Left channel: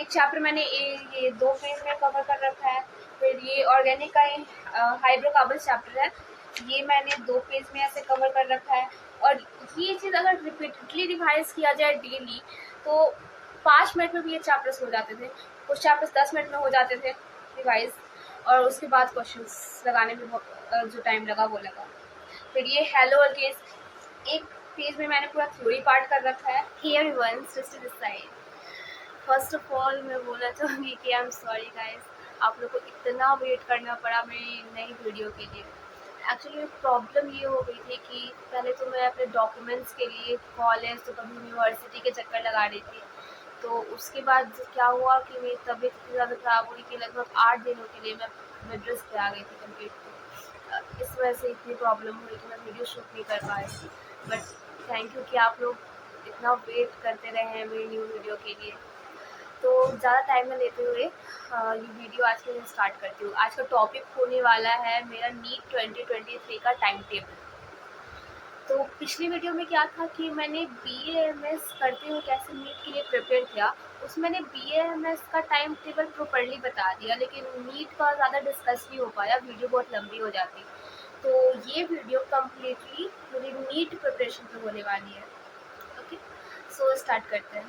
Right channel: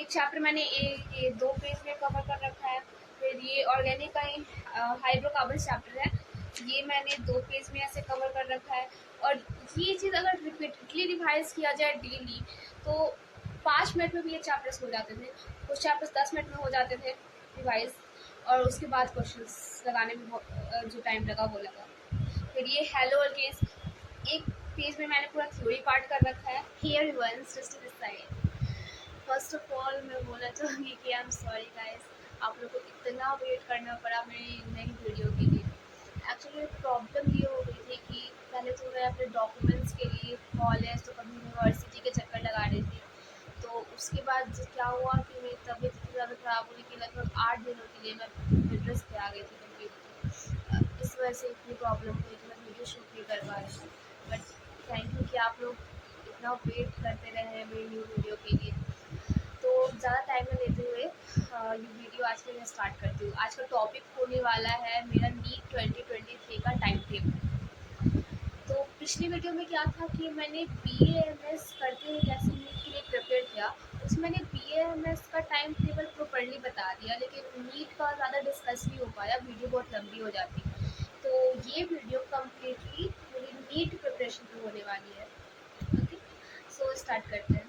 एक चैप्टर मैंने ये 2 पेज में कवर कर रखा है। फिर ये ऑर्गेनिक का हाइड्रोकार्बन चैप्टर है, ये मैंने 2 पेज में ऐसे कवर कर रखा है। और ये चीज़ अगर रिपीटेडली रिवाइज किया जाए डेली तो 5 मिनट में भी ये चैप्टर्स हो जाते थे। कुछ चैप्टर्स 10 मिनट में हो जाते थे रिवाइज, और उसके बाद क्वेश्चंस लगाने में जो टाइम लगा वो लगा। फिर ये हेलो अल्केन्स, एक पेज में मैंने पूरा थ्योरी पार्ट कर रखा है। Hey everyone, Srishti this side. First of all मैं बोलना चाहूँगी कि आई एम सॉरी गाइस, आप लोग को इतना वेट करना पड़ा मेरी नई वीडियो के लिए। एक्चुअली प्रॉब्लम ये हो गई थी कि पहले तो मैं अपने डॉक्यूमेंट्स के लिए कॉलेज तो कभी यूनिवर्सिटी के चक्कर लगा रही थी। तो उसके बाद क्या हुआ कि मेरी तबीयत इतनी ज़्यादा ख़राब हुई कि लगभग 8 दिनों के लिए मैं बेड रेस्ट पे आ गई थी कंप्लीट। तो इस वजह से इतनी प्रॉब्लम हुई कि मैं वीडियो शूट नहीं कर पाई। बट थैंक यू कि आप लोग इतना वेट करते रहे हैं मेरी न्यू वीडियो के लिए। तो ज़्यादा टाइम न लेते हुए ये वीडियो आज के लिए स्टार्ट करती हूँ। आज का टॉपिक होने वाला है मेरा नीट 2023 का टाइम टेबल। तो पिछली वीडियो में क्या था कि मैंने BA-MS करते हुए कैसे नीट के लिए प्रिपेयर किया, उसमें मैंने BA-MS का टाइम टेबल प्रॉपर्ली बता दिया, लेकिन नीट का ज़्यादा डिस्कस नहीं हो पाया, वीडियो बहुत लंबी हो जाती। तो ये वीडियो कम्प्लीटली मेरी नीट प्रिपरेशन पर होने वाली है। ओके, सो स्टार्ट करते हैं।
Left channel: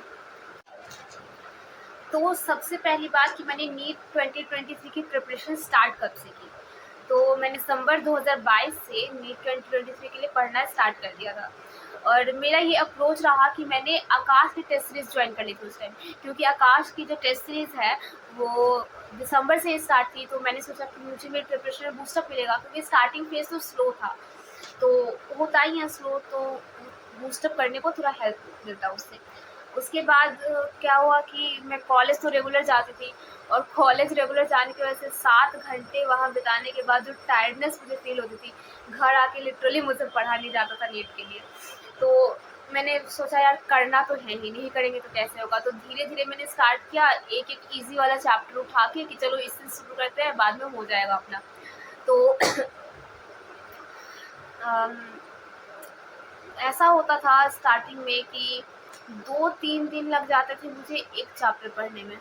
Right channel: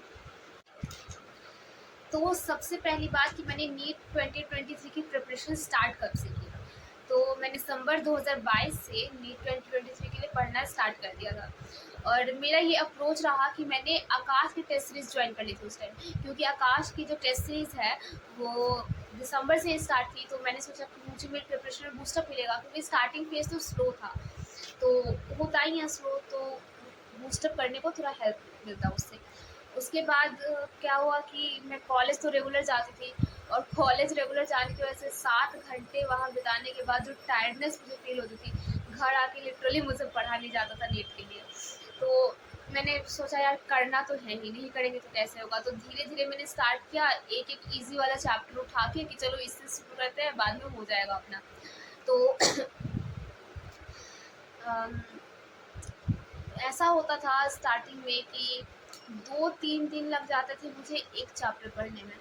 तो सबसे पहली बात कि मैंने नीट 2023 की प्रिपरेशन स्टार्ट कब से की, तो मैंने दिसंबर 2022 से नीट 2023 के लिए पढ़ना स्टार्ट कर दिया था। और मेरा ये अप्रोच रहा कि मैंने आकाश की टेस्ट सीरीज़ ज्वाइन कर ली थी उस टाइम, क्योंकि आकाश की जो टेस्ट सीरीज़ है वो दिसंबर से स्टार्ट थी। तो मैंने सोचा कि मुझे मेरी प्रिपरेशन में बूस्टअप मिलेगा, क्योंकि स्टार्टिंग फेज तो स्लो था, तो होता ही है स्लो, तो बूस्टअप करने को थोड़ा हेल्प मिलता उससे। उसके बाद क्या हुआ कि मैं कॉलेज तो रेगुलर जाती थी, और कॉलेज रेगुलर जाने की वजह से 7 घंटे वहाँ बिताने के बाद जो टायर्डनेस मुझे फील होती थी, घर आके लिटरली मुझसे पढ़ा नहीं जाता था नीट के लिए। तो मैंने सोचा यार करना तो है ही, नहीं करेंगे तो कैसे होगा। तो धीरे धीरे मैंने स्टार्ट किया, एक एक ईजी वाला चैप्टर उठा के कि चलो इससे शुरू करते हैं, बाद में हो जाएगा अपना। तो ऐसा होता था स्टार्टिंग में कि 2-3 दिन लग जाते थे मुझे एक चैप्टर पढ़ने में।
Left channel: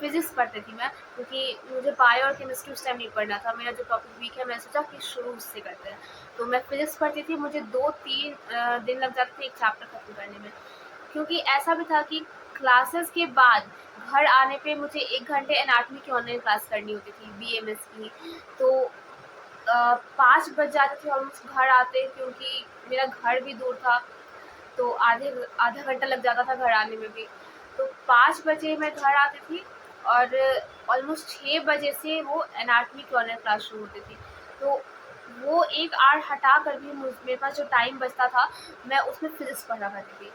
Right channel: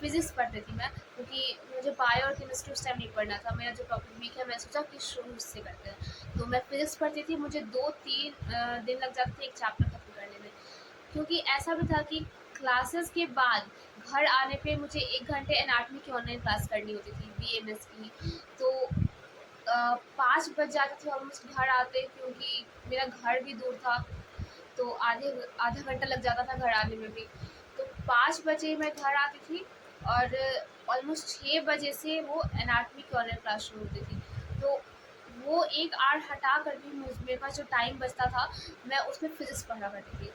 फिज़िक्स पढ़ती थी मैं, क्योंकि मुझे बायो और केमिस्ट्री उस टाइम नहीं पढ़ना था, मेरा जो टॉपिक वीक है, मैं सोचा कि शुरू उससे करते हैं। तो मैं फिज़िक्स पढ़ती थी, मुझे 2-3 दिन लग जाते थे एक चैप्टर खत्म करने में। क्योंकि ऐसा भी था कि क्लासेस के बाद घर आने पे मुझे 1 घंटे एनाटॉमी की ऑनलाइन क्लास करनी होती थी BA-MS की। तो 5 बज जाते थे ऑलमोस्ट घर आते, क्योंकि मेरा घर भी दूर था, तो आधा घंटा लग जाता था घर आने में भी। तो 5 बजे मैं घर आती थी, और ऑलमोस्ट 6 बजे से वो एनाटॉमी की ऑनलाइन क्लास शुरू होती थी। तो वो 1 आवर हटा कर भी मेरे पास जो टाइम बचता था, मैं उसमें फिज़िक्स पढ़ा करती थी।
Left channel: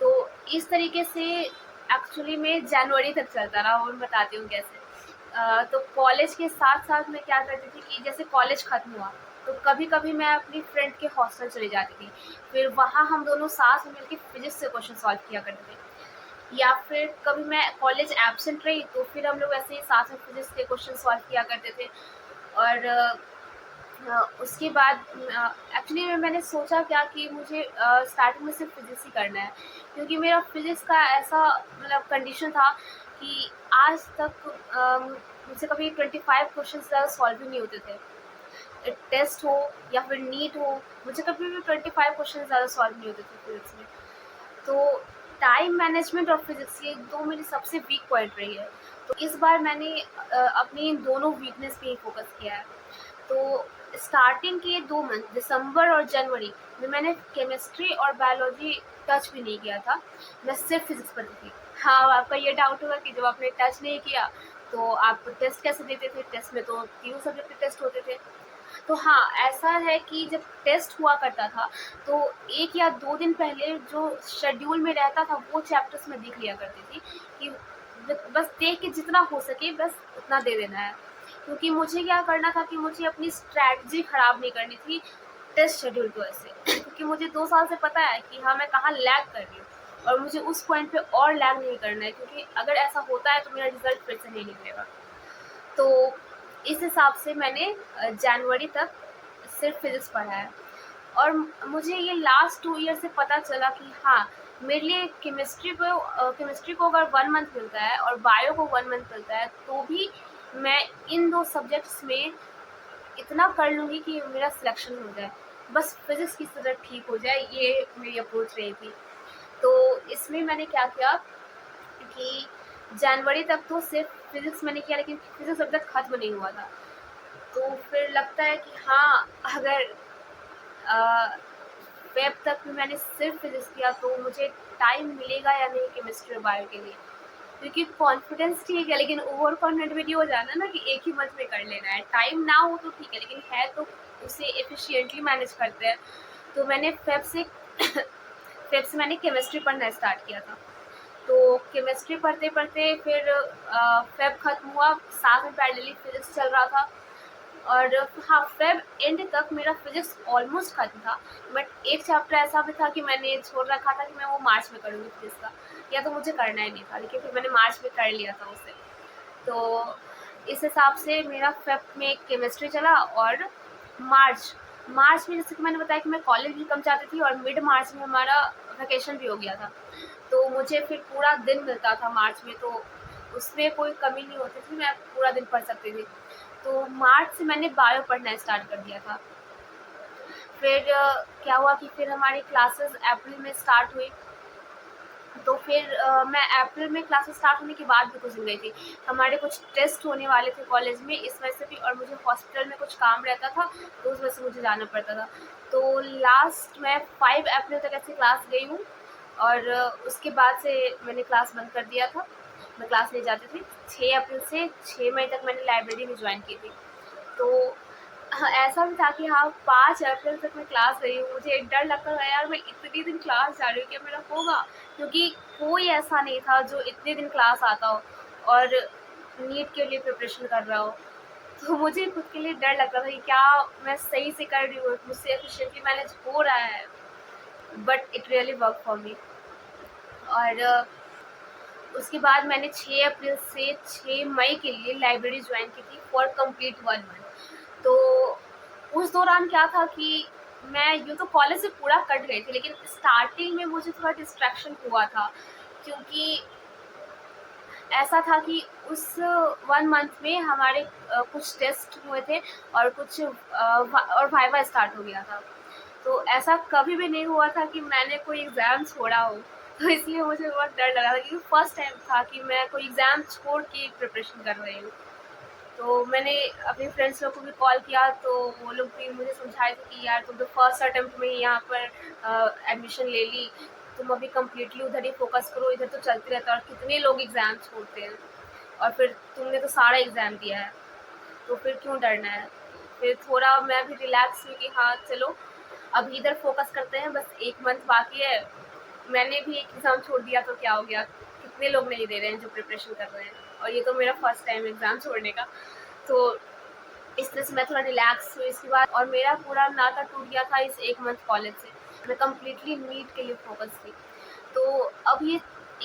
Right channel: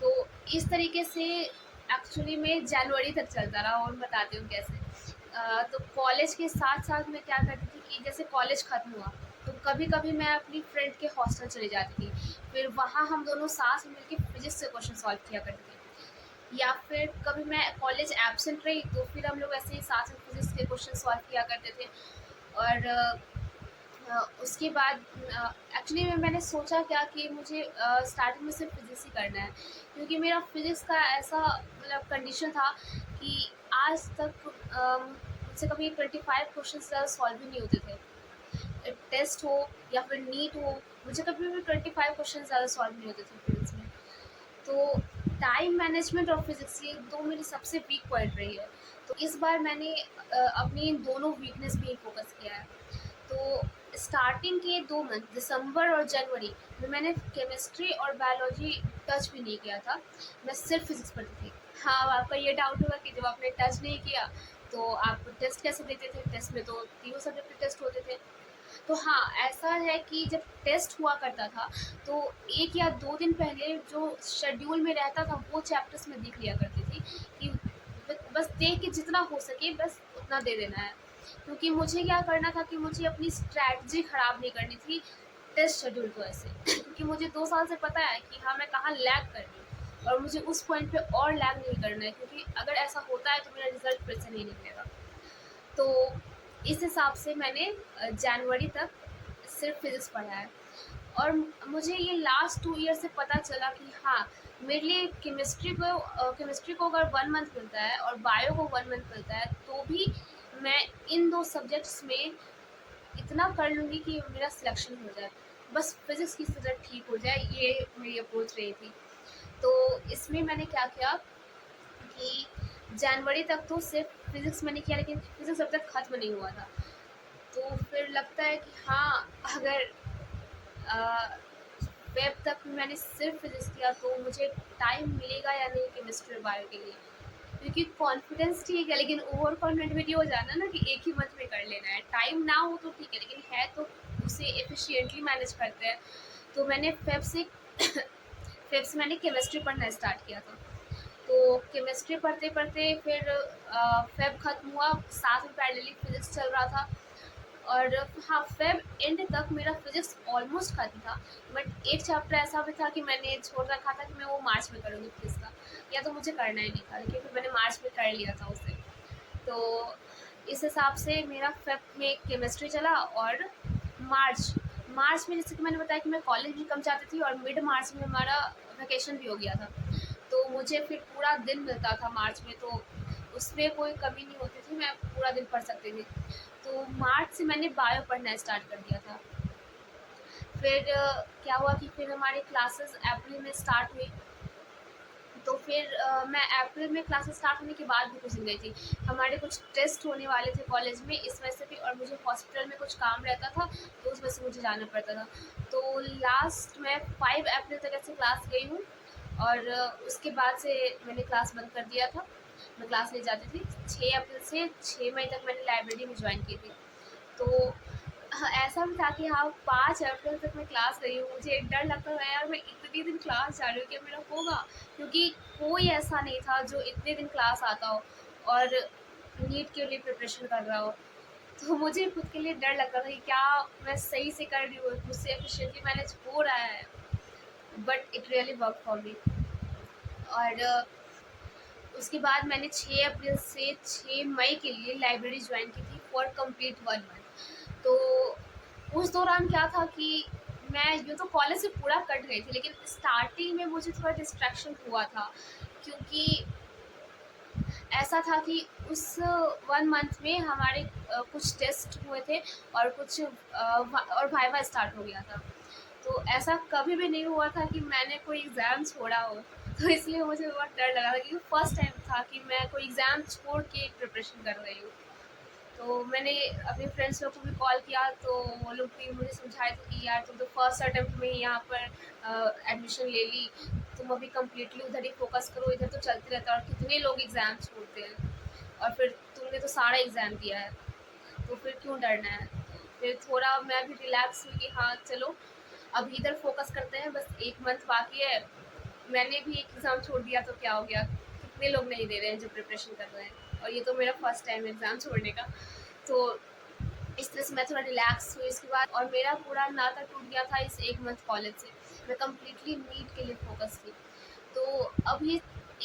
तो इस तरीके से एक्चुअली में जनवरी तक चलता रहा, और मैं बताती हूँ कैसे। तो कॉलेज के साथ साथ मैं क्या करती थी कि जैसे कॉलेज ख़त्म हुआ तो कभी कभी मैं अपनी फ्रेंड के हॉस्टल चली जाती थी। फिर वहाँ हम दोनों साथ में मिलकर फिज़िक्स से क्वेश्चन सॉल्व किया करते थे। या फिर कभी मैं कॉलेज एब्सेंट रही तो फिर हम लोग ऐसे ही साथ में फिज़िक्स के क्वेश्चन सॉल्व किया करते थे। और उसके बाद एक्चुअली मैंने सोचा क्या कि मुझे स्टार्टिंग में सिर्फ फिज़िक्स ही करना है, क्योंकि मेरा फिज़िक्स का ऐसा मतलब कंडीशन था कि आज तक मुझसे कभी 25 क्वेश्चन से ज़्यादा सॉल्व ही नहीं होते थे। टेस्ट हो या फिर नीट हो, मुझे कभी भी 25 क्वेश्चन से ज़्यादा सॉल्व नहीं होते थे फिज़िक्स में। तो टाइम मैनेजमेंट और फिज़िक्स, ये 2 मेरी सबसे वीक पॉइंट रही है। तो इस बार मैंने अपनी इन दोनों वीकनेस पे ही फोकस किया है। तो स्टार्टिंग के 2 मंथ दिसंबर और जनवरी में मैंने केमिस्ट्री और बायोलॉजी टच भी नहीं किया था, मैं सिर्फ फिज़िक्स पढ़ती थी। हाँ, आपका ये डाउट होगा कि जब आपने टच नहीं किया तो आप टेस्ट कैसे देते थे? टेस्ट में तो तीनों सब्जेक्ट के टेस्ट होते थे। तो हाँ, ऐसा है कि जब टेस्ट हुआ करता था तो 1 या 2 दिन पहले जो शेड्यूल में रहता था वो चैप्टर्स मैं देख लिया करती थी, कि बस देख के जितना हो सके बस उतना दे देना है। क्योंकि मुझे क्या करना था कि मुझे अपनी स्ट्रैटेजी ख़राब नहीं करनी थी टेस्ट शेड्यूल की वजह से। क्योंकि मुझे 2 साल से पता है कि हाँ, मैं कहाँ लैग कर रही हूँ, और मुझे उस पॉइंट पे और लैग नहीं करना है, क्योंकि अगर ऐसा होता है तो मेरा रिज़ल्ट फिर से नहीं निकलेगा। तो इस हिसाब से मैंने जनवरी तक सिर्फ फिज़िक्स पढ़ा है। और मुझे ये लास्ट 2 ईयर से पता चला कि हाँ, मेरे लिए केमिस्ट्री को अगर 1 मंथ मिलता है और बायो को 1 मंथ मिलता है, तो भी मैं इन 2 सब्जेक्ट्स में इतना कर लूँगी कि मेरा सिलेक्शन हो जाए। बस फिज़िक्स की सब्जेक्ट ठीक हो जाए, ये मेरी अप्रोच रही थी। तो इसमें मैंने क्या किया कि जनवरी तक तो सिर्फ फिज़िक्स मैंने किया, लेकिन फिज़िक्स अब तक ख़त्म नहीं हुआ था। तो फिर लगता है कि हाँ, अगर अ, फ़ेब तक भी मैंने सिर्फ फिज़िक्स किया तो मुझे टाइम मिलेगा या नहीं केमिस्ट्री और बायो के लिए। क्योंकि कॉन्फिडेंस ठीक है, लेकिन ओवर कॉन्फिडेंट भी नहीं हो जाना ना कि एक ही मंथ में कर लेना है। टाइम ना हो तो ठीक है, लेकिन है तो उसे एफिशिएंटली मैनेज करते हैं। तो मैंने फ़ेब से मैंने केमिस्ट्री पढ़ना स्टार्ट किया था। तो केमिस्ट्री पढ़ते-पढ़ते फिर फ़ेब खत्म हुआ, साथ में पैरेलली फिज़िक्स चल रहा था। और हाँ, फ़ेब एंड तक मेरा फिज़िक्स ऑलमोस्ट खत्म था, बट एक चैप्टर ऐसा भी था कि मैंने छोड़ रखा था कि मैं वो मार्च में करूँगी फिज़िक्स का, या तो मुझे करना ही नहीं था, लेकिन फिर मैंने मार्च में कर लिया था उसे। तो इस हिसाब से मेरा फ़ेब में केमिस्ट्री चला। और मार्च मार्च में, जैसे कि मैंने बताया कि मैं कॉलेज भी कम जाती थी, और मिड मार्च में हमारा वैकेशन भी हो गया था। तो मुझे फिर पूरा दिन मिलता था मार्च में, तो उसमें कोई कमी नहीं होती थी, मैं पूरा दिन पढ़ सकती थी। तो मार्च से मैंने बायो पढ़ना स्टार्ट कर दिया था। फिर क्या हुआ कि फिर हमारी क्लासेस अप्रैल में स्टार्ट हुई। तो फिर मैं अप्रैल में क्लासेस स्टार्ट होने के बाद भी कोचिंग गई थी। हमारे कुछ टेस्ट होने वाले थे कॉलेज में, इस वजह से भी, और मुझे हॉस्पिटल में कुछ काम रहता था, तो उस वजह से मुझे जाना पड़ता था। तो लास्ट मैं 5 अप्रैल तक ऐसे क्लास गई हूँ, और उसके बाद से मैंने क्लास बंद कर दिया था। मैं क्लास नहीं जाती थी। 6 अप्रैल से 6 मई तक मैंने लाइब्रेरी में ज्वाइन की थी। तो हाँ, ऐसा भी था कि हाँ, 5 अप्रैल तक मैं क्लास गई हूँ। मुझे एक डर लगता था, यार मैं इतने दिन क्लास जा रही हूँ, क्या मेरा होगा? क्योंकि कोई ऐसा नहीं था जो इतने दिन क्लास आता हो और नीट के लिए प्रिपरेशन कर रहा हो। तो मुझे खुद के लिए डर लगता था कि क्या मैं सही से कर रही हूँ, मुझसे एफिशिएंटली मैनेज हो रहा है। But it really work for me. और उसके बाद मैंने 6 अप्रैल से 6 मई के लिए लाइब्रेरी ज्वाइन की थी फॉर कंप्लीट 1 मंथ। तो उस दौरान क्या था कि मैं यूँ तो कॉलेज से पूरा कट गई थी, लेकिन स्टार्टिंग में मुझे थोड़ा डिस्ट्रैक्शन हुआ था, क्योंकि ऐसा था कि उस 1 मंथ में हमारे कुछ टेस्ट हुए थे, और कुछ और वाइवा स्टार्ट हो गया था। तो ऐसा कभी भी नहीं हुआ था कि मैंने कोई एग्ज़ाम छोड़ा हो। तो इसलिए मुझे बहुत डर लगा था, क्योंकि फर्स्ट टाइम था कि मैं कोई एग्ज़ाम छोड़ के प्रिपरेशन कर रही हूँ। तो मैंने अपने फ्रेंड्स लोग को भी कॉल किया, तो वो लोग भी मुझे समझाए थे कि यार तुम तो फर्स्ट अटेम्प्ट में ही यहाँ पर एडमिशन ले ली, तुम अभी कम्प्लीटली उधर ही फोकस करो, इधर तो चलते रहता है और कितने लोग एग्ज़ाम छोड़ते हैं, और फिर तुमने तो सारा एग्ज़ाम दिया है, तो फिर क्यों डरना है। फिर थोड़ा मैं भी रिलैक्स हुई कि हाँ चलो, अभी इधर फोकस करते हैं, बस 1 मंथ बाकी है। मैंने भी एक एग्ज़ाम छोड़ दिया तो क्या हो गया, कितने लोग नहीं दे रहे हैं जो प्रिपरेशन कर रहे हैं, और ये तो मेरा फर्स्ट टाइम एग्ज़ाम छोड़ने का। तो इस तरह से मैं थोड़ा रिलैक्स हुई इसके बाद, और मेरा पूरा नाता टूट गया था इस 1 मंथ कॉलेज से। मैं कम्प्लीटली नीट के लिए फ़ोकस थी। तो अब ये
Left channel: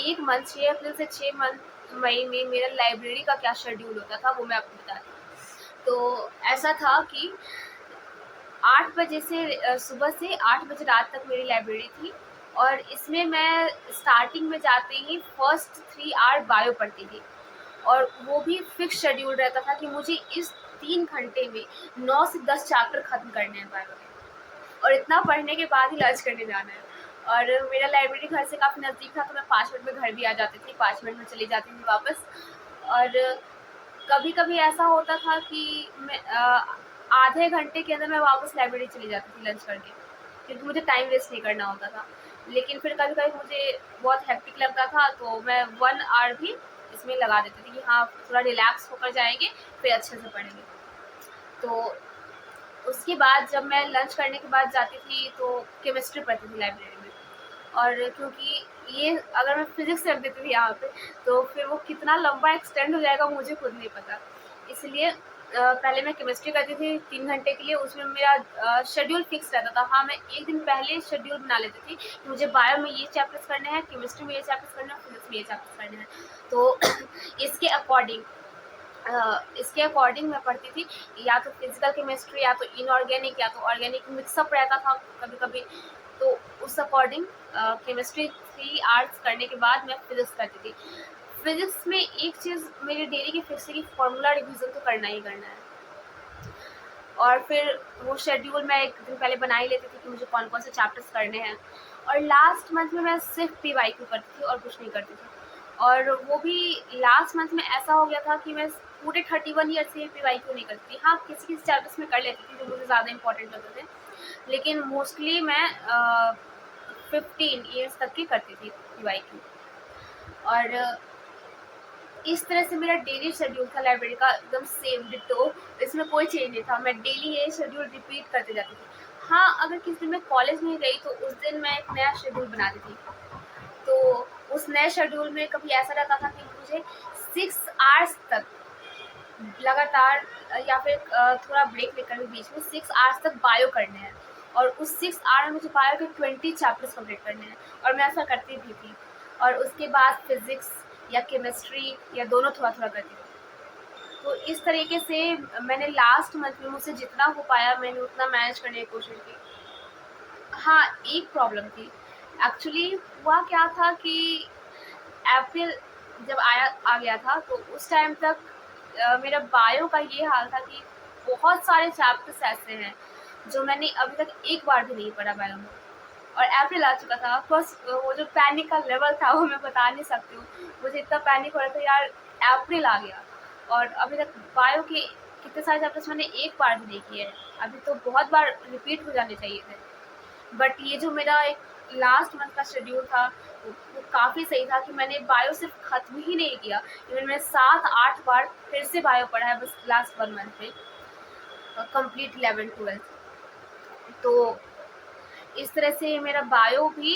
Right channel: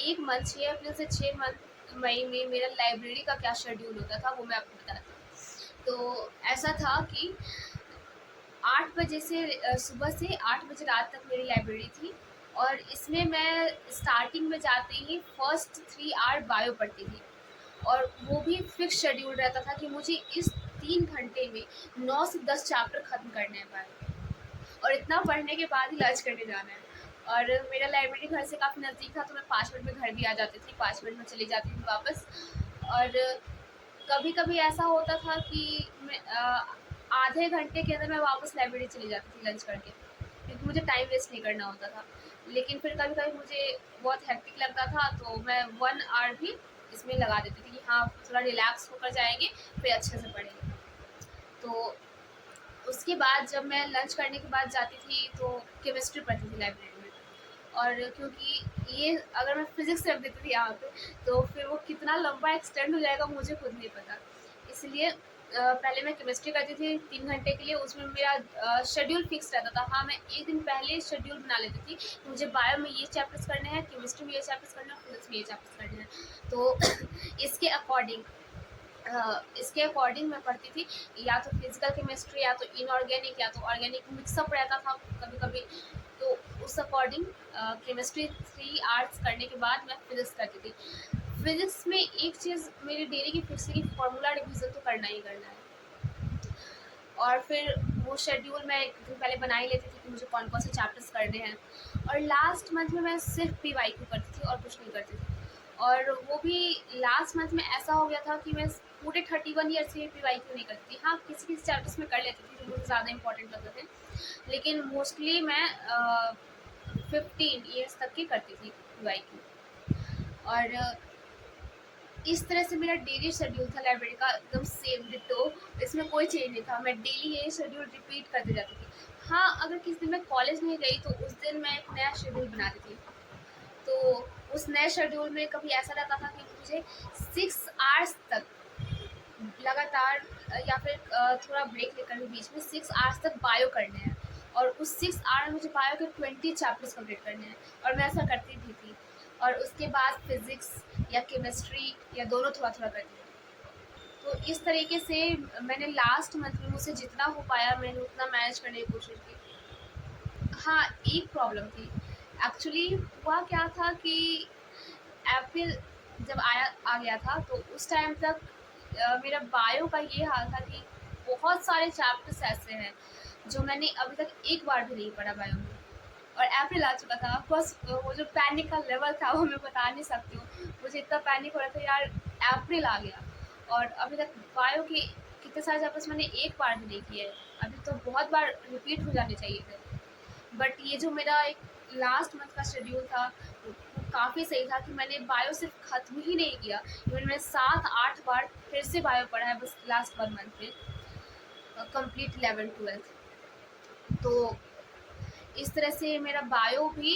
1 मंथ, 6 अप्रैल से 6 मंथ मई में मेरा लाइब्रेरी का क्या शेड्यूल होता था वो मैं आपको बताती हूँ। तो ऐसा था कि 8 बजे से सुबह से 8 बजे रात तक मेरी लाइब्रेरी थी, और इसमें मैं स्टार्टिंग में जाते ही फर्स्ट 3 आवर बायो पढ़ती थी, और वो भी फिक्स शेड्यूल रहता था कि मुझे इस 3 घंटे में 9 से 10 चैप्टर ख़त्म करने हैं बायो के, और इतना पढ़ने के बाद ही लंच करने जाना है। और मेरा लाइब्रेरी घर से काफ़ी नज़दीक था, तो मैं 5 मिनट में घर भी आ जाती थी, 5 मिनट में चली जाती थी वापस। और कभी-कभी ऐसा होता था कि मैं आधे घंटे के अंदर मैं वापस लाइब्रेरी चली जाती थी लंच करके, क्योंकि मुझे टाइम वेस्ट नहीं करना होता था। लेकिन फिर कभी-कभी मुझे बहुत हेक्टिक लगता था, तो मैं 1 आवर भी इसमें लगा देती थी कि हाँ, थोड़ा रिलैक्स होकर जाएँगे, फिर अच्छे से पढ़ेंगे। तो उसके बाद जब मैं लंच करने के बाद जाती थी, तो केमिस्ट्री पढ़ती थी लाइब्रेरी में। और क्योंकि ये अगर मैं फिज़िक्स रख देती थी यहाँ पे, तो फिर वो कितना लंबा एक्सटेंड हो जाएगा मुझे खुद नहीं पता। इसलिए पहले मैं केमिस्ट्री करती थी 3 घंटे के लिए, उसमें मेरा शेड्यूल फिक्स रहता था। हाँ, मैं 1 दिन पहले शेड्यूल बना लेती थी कि मुझे बायो में ये चैप्टर्स करने हैं, केमिस्ट्री में ये चैप्टर्स करने हैं, फिज़िक्स में ये चैप्टर्स करने हैं। तो इसके अकॉर्डिंग मैं पढ़ती थी, या तो फिजिकल केमिस्ट्री, या तो इनऑर्गेनिक, या तो ऑर्गेनिक, मिक्सअप रहता था कभी कभी। तो उस अकॉर्डिंग केमिस्ट्री 3 आवर्स करने के बाद मैं फिज़िक्स करती थी। फिज़िक्स में एक चीज़ मेरी डेली की फिक्स है कि फॉर्मूला रिवीजन तो करना ही करना है। और फिर वो शेड्यूल मैं एक दिन पहले बना ही लेती थी कि मुझे कौन कौन से चैप्टर्स करने हैं। और लास्ट मंथ में मैं सिर्फ PYQ करती थी और कुछ नहीं करती थी। और वो भी लास्ट मंथ में ऐसा हो गया था कि मैं पूरे 31 ईयर्स के PYQ नहीं करती थी। हाँ, किसी किसी चैप्टर्स में कर लेती थी जो मुझे ज़्यादा इंपॉर्टेंट लगते थे, लेकिन मोस्टली मैं 15 ईयर्स तक की करती थी PYQ। और इस तरह से मेरा डेली शेड्यूल था लाइब्रेरी का, एकदम सेम डिट्टो। इसमें कोई चेंज नहीं था, मैं डेली ये शेड्यूल रिपीट करते जाती थी। हाँ, अगर किसी दिन मैं कॉलेज नहीं गई तो उस दिन मैं एक नया शेड्यूल बनाती थी। तो उस नए शेड्यूल में कभी ऐसा रहता था कि मुझे 6 आवर्स तक लगातार या फिर थोड़ा ब्रेक लेकर भी बीच में 6 आवर्स तक बायो करने हैं। और उस 6 आवर में मुझे बायो के 20 चैप्टर्स कंप्लीट करने हैं, और मैं ऐसा करती भी थी। और उसके बाद फिज़िक्स या केमिस्ट्री या दोनों थोड़ा-थोड़ा करती थी। तो इस तरीके से मैंने लास्ट मंथ में मुझसे जितना हो पाया मैंने उतना मैनेज करने की कोशिश की। हाँ, एक प्रॉब्लम थी। एक्चुअली हुआ क्या था कि अप्रैल जब आ गया था तो उस टाइम तक मेरा बायो का ये हाल था कि बहुत सारे चैप्टर्स ऐसे हैं जो मैंने अभी तक एक बार भी नहीं पढ़ा बायो में। और अप्रैल आ चुका था। बस वो जो पैनिक का लेवल था वो मैं बता नहीं सकती हूँ। मुझे इतना पैनिक हो रहा था यार, अप्रैल आ गया और अभी तक बायो के कितने सारे चैप्टर्स मैंने एक बार भी नहीं किए हैं। अभी तो बहुत बार रिपीट हो जाने चाहिए थे। बट ये जो मेरा एक लास्ट मंथ का शेड्यूल था वो काफ़ी सही था कि मैंने बायो सिर्फ ख़त्म ही नहीं किया। इवन मैंने 7-8 बार फिर से बायो पढ़ा है बस लास्ट 1 मंथ में, कंप्लीट 11th-12th। तो इस तरह से मेरा बायो भी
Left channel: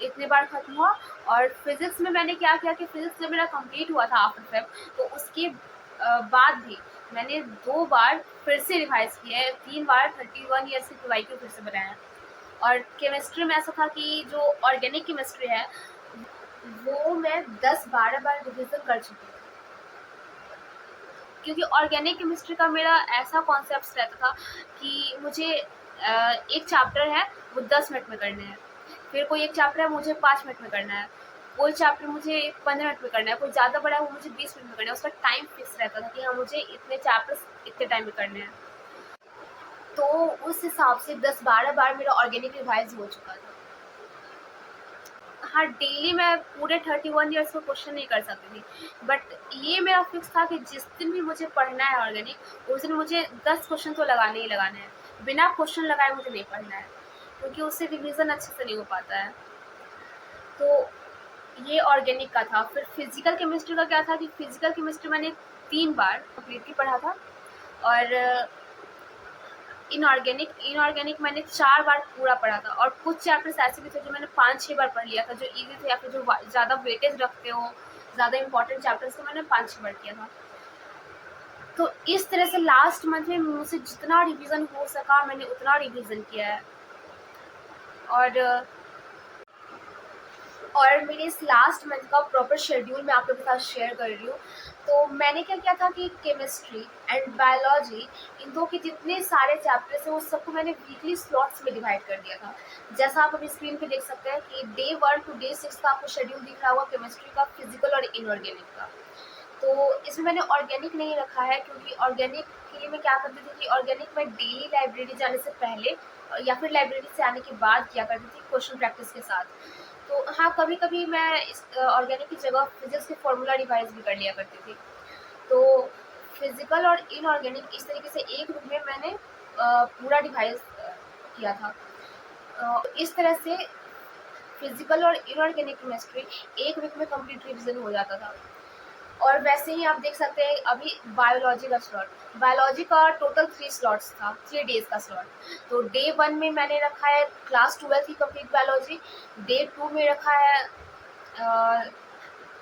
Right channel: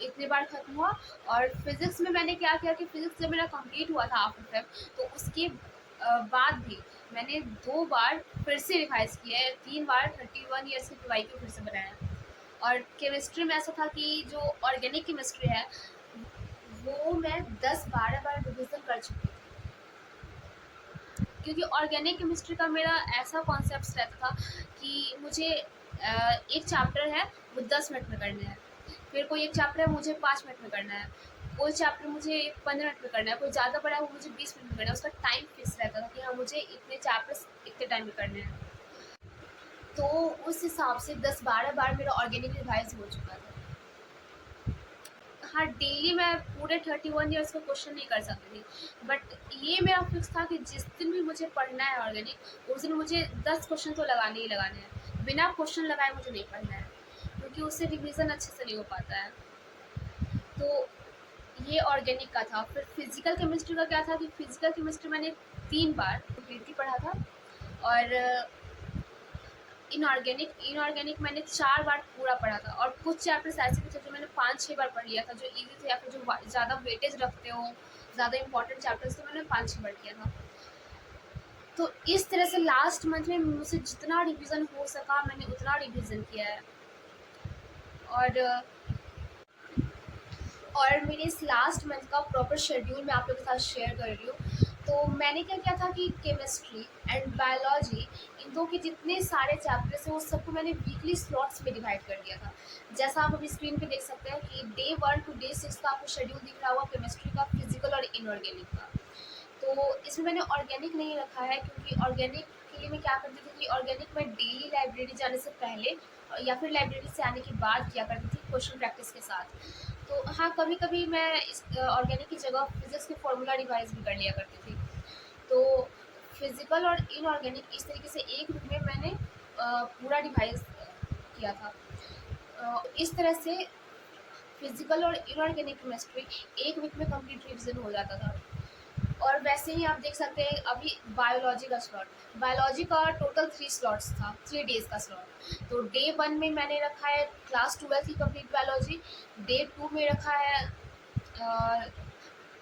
इतनी बार ख़त्म हुआ। और फिज़िक्स में मैंने क्या किया कि फिज़िक्स जब मेरा कंप्लीट हुआ था आफ्टर फेब, तो उसके बाद भी मैंने 2 बार फिर से रिवाइज़ किया है, 3 बार 31 ईयर्स की PYQ फिर से बनाया है। और केमिस्ट्री में ऐसा था कि जो ऑर्गेनिक केमिस्ट्री है, वो मैं 10-12 बार रिविज़न कर चुकी थी। क्योंकि ऑर्गेनिक केमिस्ट्री का मेरा ऐसा कॉन्सेप्ट रहता था कि मुझे एक चैप्टर है वो 10 मिनट में करना है, फिर कोई एक चैप्टर है मुझे 5 मिनट में करना है, कोई चैप्टर मुझे 15 मिनट में करना है, कोई ज़्यादा बड़ा है वो मुझे 20 मिनट में करना है। उसका टाइम फिक्स रहता था कि हाँ, मुझे इतने चैप्टर्स इतने टाइम में करने हैं। तो उस हिसाब से 10-12 बार मेरा ऑर्गेनिक रिवाइज़ हो चुका था। हाँ, डेली मैं पूरे 31 ईयर्स को क्वेश्चन नहीं कर सकती थी, बट ये मेरा फिक्स था कि जिस दिन भी मुझे पढ़ना है ऑर्गेनिक, उस दिन मुझे 10 क्वेश्चन तो लगाने ही लगाने हैं। बिना क्वेश्चन लगाए मुझे नहीं पढ़ना है, क्योंकि उससे रिवीजन अच्छे से नहीं हो पाता है। तो ये ऑर्गेनिक का था। फिर फिजिकल केमिस्ट्री का क्या था कि फिजिकल केमिस्ट्री मैंने 3 बार कंप्लीटली पढ़ा था। और इनऑर्गेनिक मैंने 4 बार पूरा पढ़ा था। और कुछ चैप्टर्स ऐसे भी थे जो मैंने 5-6 बार पढ़ लिया था, जो ईज़ी थे या फिर जो ज़्यादा वेटेज रखते हो, ज़्यादा इंपॉर्टेंट चैप्टर्स, तो मैंने 5-6 बार किया था। तो इस तरह से लास्ट मंथ में मुझसे जितना रिवीजन हो सका मैंने उतना रिवीजन किया है। और मेरे इस लास्ट मंथ का प्रॉपर शेड्यूल मैं आप लोगों के साथ शेयर कर रही हूँ। तो मैंने क्या किया था कि केमिस्ट्री एंड बायोलॉजी, इन दो के जितने सारे चैप्टर्स हैं वो सबको मैंने वीकली स्लॉट्स में डिवाइड कर दिया था। जैसा आप अभी स्क्रीन पे देख सकते हैं कि डे 1 to डे 6 का आपको शेड्यूल दिख रहा होगा केमिस्ट्री का, फिजिकल और इनऑर्गेनिक का। तो इसमें मैंने ऑर्गेनिक नहीं रखा है, क्योंकि ऑर्गेनिक के लिए मैं क्या करती थी कि ऑर्गेनिक मैं डेली लाइब्रेरी जाने से पहले या फिर लाइब्रेरी से आने के बाद किया करती थी क्वेश्चन प्रैक्टिस के साथ। तो हाँ, कभी-कभी मैं इस ऑर्गेनिक की जगह फिज़िक्स के फॉर्मूला रिवाइज़ भी कर लिया करती थी। तो फिज़िकल और इनऑर्गेनिक इस तरीके से एक वीक में मैंने पूरा रिवाइज़ किया था। इस तरह से फिज़िकल और इनऑर्गेनिक केमिस्ट्री एक वीक में कंप्लीट रिवीजन हो जाता था। और वैसे ही आप देख सकते हैं अभी बायोलॉजी का स्लॉट, बायोलॉजी का टोटल 3 स्लॉट्स था, 3 डेज़ का स्लॉट। तो डे 1 में मैंने रखा है क्लास 12 की कंप्लीट बायोलॉजी, डे 2 में रखा है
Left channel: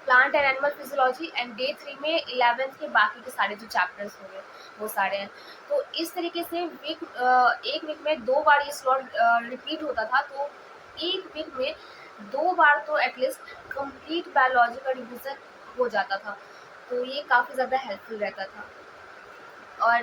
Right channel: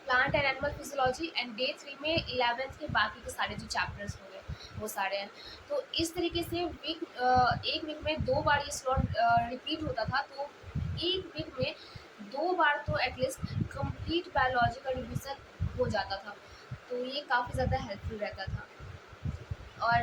plant and animal physiology, and day 3 में 11th के बाकी के सारे जो चैप्टर्स हो गए वो सारे हैं। तो इस तरीके से एक वीक में 2 बार ये स्लॉट रिपीट होता था। तो एक वीक में 2 बार तो एटलीस्ट कंप्लीट बायोलॉजी का रिवीजन हो जाता था। तो ये काफ़ी ज़्यादा हेल्पफुल रहता था। और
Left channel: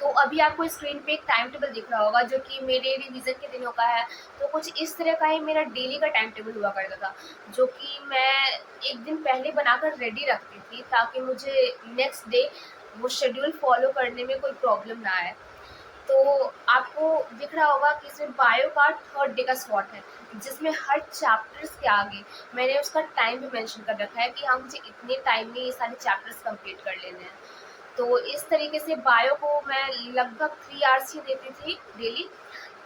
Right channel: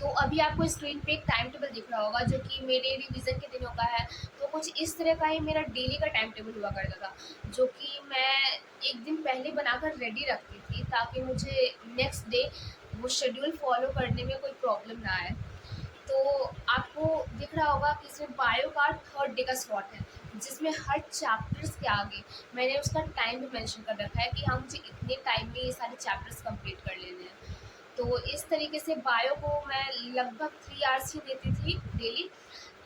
तो अभी आपको स्क्रीन पे एक टाइम टेबल दिख रहा होगा जो कि मेरे रिवीजन के दिनों का है। तो कुछ इस तरह का ही मेरा डेली का टाइम टेबल हुआ करता था, जो कि मैं एक दिन पहले बनाकर रेडी रखती थी ताकि मुझे नेक्स्ट डे वो शेड्यूल फॉलो करने में कोई प्रॉब्लम ना आए। तो आपको दिख रहा होगा कि इसमें बायो का थर्ड डे का स्लॉट है, जिसमें हर चैप्टर्स के आगे मैंने उसका टाइम भी मेंशन कर रखा है कि हाँ, मुझे इतने टाइम में ये सारे चैप्टर्स कंप्लीट कर लेने हैं। तो इस तरीके से बायो को मैं लगभग 3 आवर्स ही देती थी डेली।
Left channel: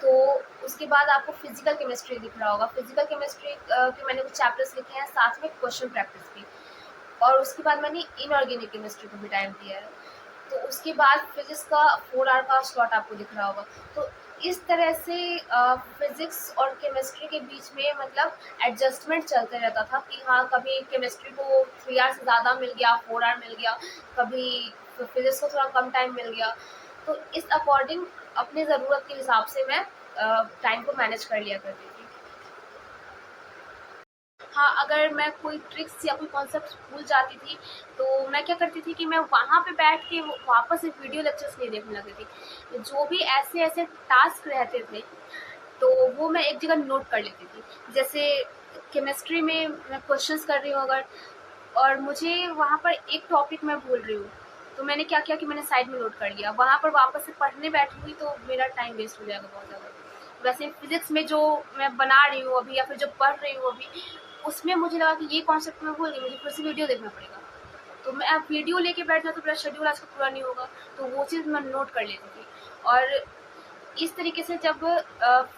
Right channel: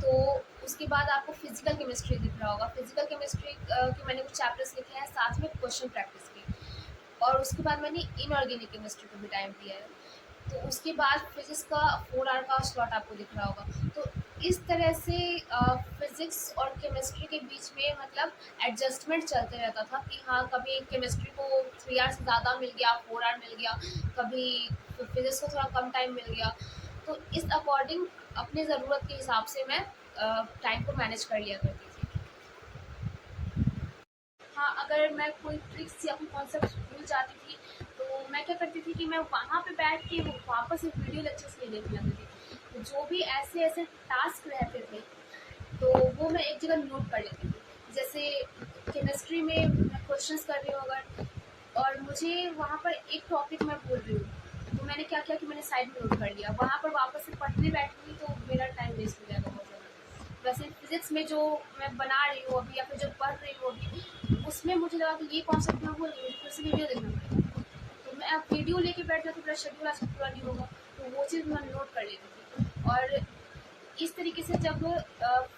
तो उसके बाद आपको फिजिकल केमिस्ट्री दिख रहा होगा। फिजिकल केमिस्ट्री के मैंने कुछ चैप्टर्स लिखे हैं, साथ में क्वेश्चन प्रैक्टिस भी। और उसके बाद मैंने इनऑर्गेनिक केमिस्ट्री को भी टाइम दिया है। तो उसके बाद फिजिक्स का 4 आवर का स्लॉट आपको दिख रहा होगा। तो इस तरह से फिजिक्स और केमिस्ट्री के बीच में मतलब एडजस्टमेंट चलते रहता था कि हाँ, कभी केमिस्ट्री को 3 आवर से ज़्यादा मिल गया, 4 आवर मिल गया, कभी फिजिक्स को थोड़ा कम टाइम मिल गया। तो इस अकॉर्डिंग अपनी ज़रूरत के हिसाब से मैं टाइम को मैनेज कर लिया करती थी। हाँ, अगर मैं कोई ट्रिक्स या कोई कॉन्सेप्ट भूल जाती थी, तो मैं क्या करती थी कि मैं वहाँ पे बैठ के वो वापस से वीडियो लेक्चर्स नहीं देखने लगती थी। जो भी ऐसे-ऐसे टास्क रहते थे, तो वो मैं एक जगह नोट कर लेती थी। जैसे केमिस्ट्री में मैं क्वेश्चंस कर रही हूँ अगर, और मुझे वहाँ पर एक टॉपिक मैं भूल रही हूँ, तो मैंने क्या किया कि मैंने साइड में नोट कर लिया। वहाँ पर वापस से पढ़ने बैठूँगी तो मेरा टाइम वेस्ट हो जाएगा बहुत ज़्यादा। वैसे फिज़िक्स में जो मैं बना रही हूँ अभी या फिर जो पढ़ रही हूँ अभी, उसमें मुझे लगा कि ये कॉन्सेप्ट मैं भूल गई, मुझे फिर से वीडियो देखना पड़ेगा। तो मैं अब वीडियो लेके बैठ जाती तो मेरा शेड्यूल आज पूरा नहीं होगा, तो वो चीज़ मैं नोट कर लेती थी। और इस तरीके से जब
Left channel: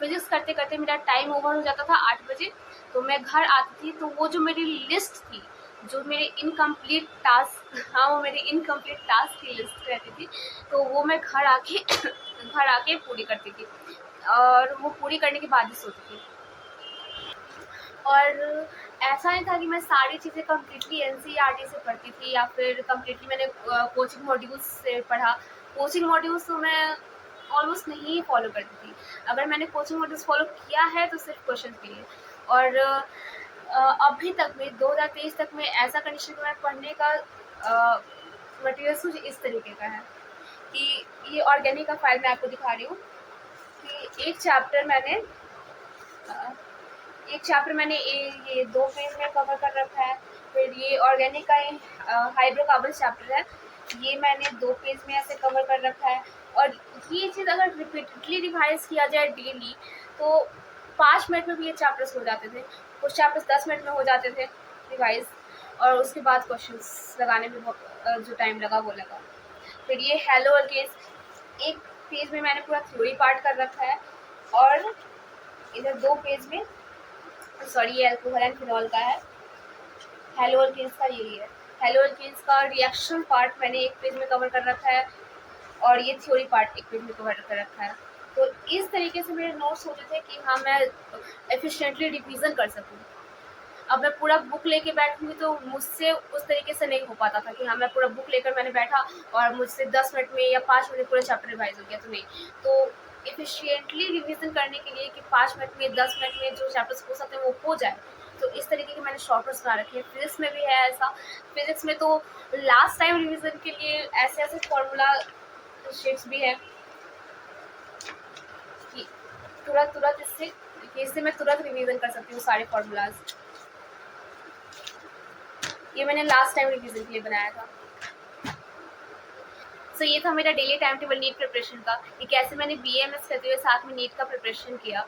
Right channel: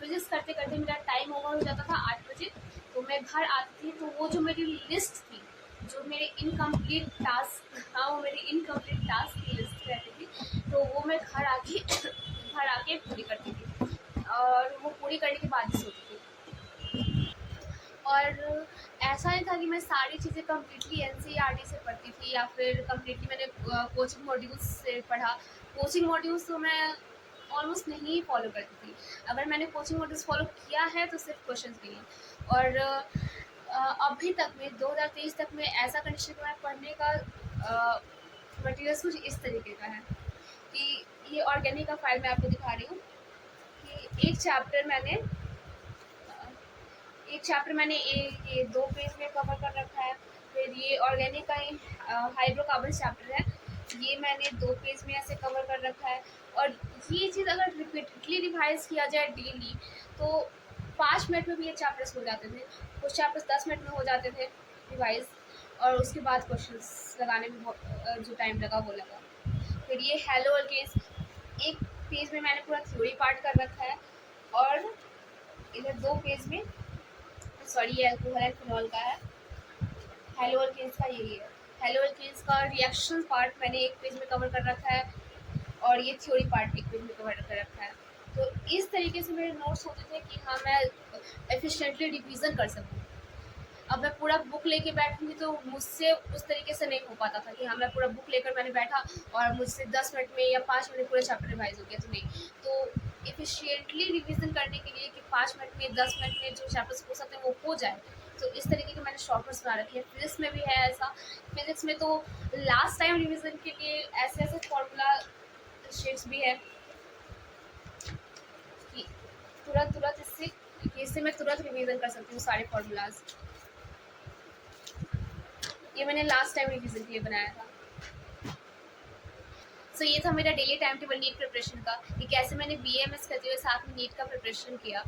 फिज़िक्स करते-करते मेरा टाइम ओवर हो जाता था 8 बजे, तो मैं घर आती थी, तो वो जो मेरी लिस्ट थी, जो मेरे इनकम्प्लीट टास्क हाँ, वो मेरी इनकम्प्लीट टास्क की लिस्ट रहती थी, तो वो मैं घर आके घर आके पूरी करती थी और वो पूरी करने के बाद ही सोती थी। और ऐसा नहीं था कि मैं सारी चीज़ें कम्प्लीटली एनसीईआरटी से पढ़ती थी या फिर कम्प्लीटली मैंने कोचिंग मॉड्यूल्स से पढ़ा। कोचिंग मॉड्यूल्स तो मैं ऑलमोस्ट नहीं फॉलो करती थी। अगर मैंने कोचिंग मॉड्यूल्स फॉलो किया है तो सिर्फ क्वेश्चंस के लिए। और अभी तक में 2023 तक में ऐसा कंडीशन में पढ़ने का मटेरियल्स कुछ इस तरीके का है कि ये ऑर्गेनिक का फाइल मैं आपको दिखा रही हूँ कि अ, एक चैप्टर मैंने ये 2 पेज में कवर कर रखा है। फिर ये ऑर्गेनिक का ही हाइड्रोकार्बन चैप्टर है, ये मैंने 2 पेज में ऐसे कवर कर रखा है। और ये चीज़ अगर रिपीटेडली रिवाइज़ किया जाए डेली, तो 5 मिनट में भी ये चैप्टर्स हो जाते थे। कुछ चैप्टर्स 10 मिनट में हो जाते थे रिवाइज़, और उसके बाद क्वेश्चंस लगाने में जो टाइम लगा वो लगा। फिर ये हेलो अल्केन्स, एक पेज में मैंने पूरा थ्योरी पार्ट कर रखा है, और इधर 2 पेज में सॉरी ये अल्कोहल एंड फिनॉल का है। हेलो अल्केन्स का यही है। हेलो अल्केन्स का रिएक्शन पार्ट मैंने एक पेज में कवर कर रखा है, और ये थ्योरी पार्ट एक पेज में कवर कर रखा है। तो इस तरीके से मेरे नोट्स होते थे कि हाँ, मैं एफिशिएंटली रिवीजन कर सकूँ। अब मैं पूरा बुक लेके बैठूँगी तो मुझसे उस तरीके से नहीं हो पाता था कि हाँ, मैं पूरा बुक लेकर मैंने बैठा और मुझसे 10 मिनट में या 5 मिनट में पूरा चैप्टर रिवाइज़ हो गया, तो नहीं। तो एफिशिएंटली रिवीजन करने के लिए कि 5 मिनट में, 10 मिनट में जो चैप्टर्स हो सकते हैं वो हो जाए, तो इस तरीके के मैंने शॉर्टकट्स बना रखे हैं। फिज़िक्स में भी है ऐसा। फिज़िक्स में तो लास्ट टाइम रिवीजन के लिए ऐसे-ऐसे फॉर्मूला शीट्स भी हैं कि तुरंत-तुरंत इससे मैं तुरंत रिवीजन कर सकती हूँ सारे फॉर्मूलाज़। ये मैंने लास्ट टाइम रिवीजन के लिए बनाया था। सो ये था मेरा daily time table NEET preparation का, कि कैसे मैंने बीएमएस करते हुए साथ में नीट का प्रिपरेशन किया।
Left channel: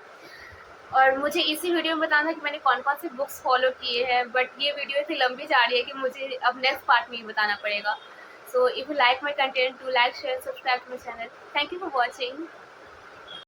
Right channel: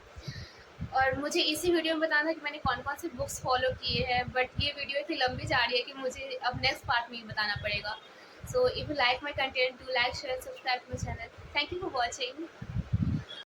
और मुझे इसी वीडियो में बताना था कि मैंने कौन-कौन से बुक्स फॉलो किए हैं, बट ये वीडियो इतनी लंबी जा रही है कि मुझे अब नेक्स्ट पार्ट में ही बताना पड़ेगा। So if you like my content, do like, share, subscribe to my channel. Thank you for watching.